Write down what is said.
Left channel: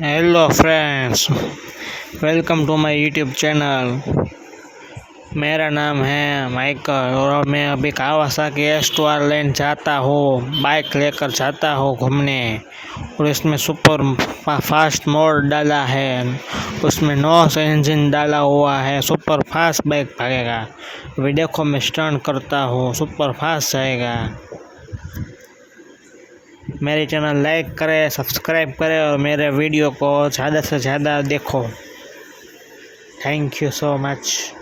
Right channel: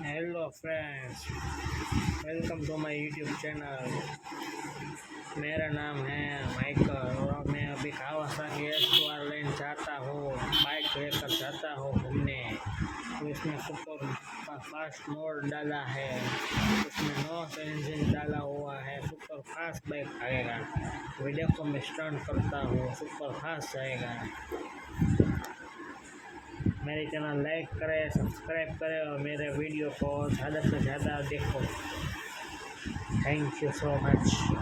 Hello friends, welcome to my YouTube channel. मेरा नाम है माइकल और मैं अभी कावासाकी एस2R लेन जाता हूँ। बाइक लेकर जाता हूँ घूमने और इसमें सुपर फास्ट मोड डाला है, उसमें नॉस इंजन डाला हुआ है। सुपर फास्ट बाइक भागेगा। अभी देखो मैं स्टंट करता हूँ, सुपर फास्ट जाएगा। मेरे चैनल लाइक करें, सब्सक्राइब करें और मेरे वीडियो को ज़्यादा से ज़्यादा देखो। Thank you so much.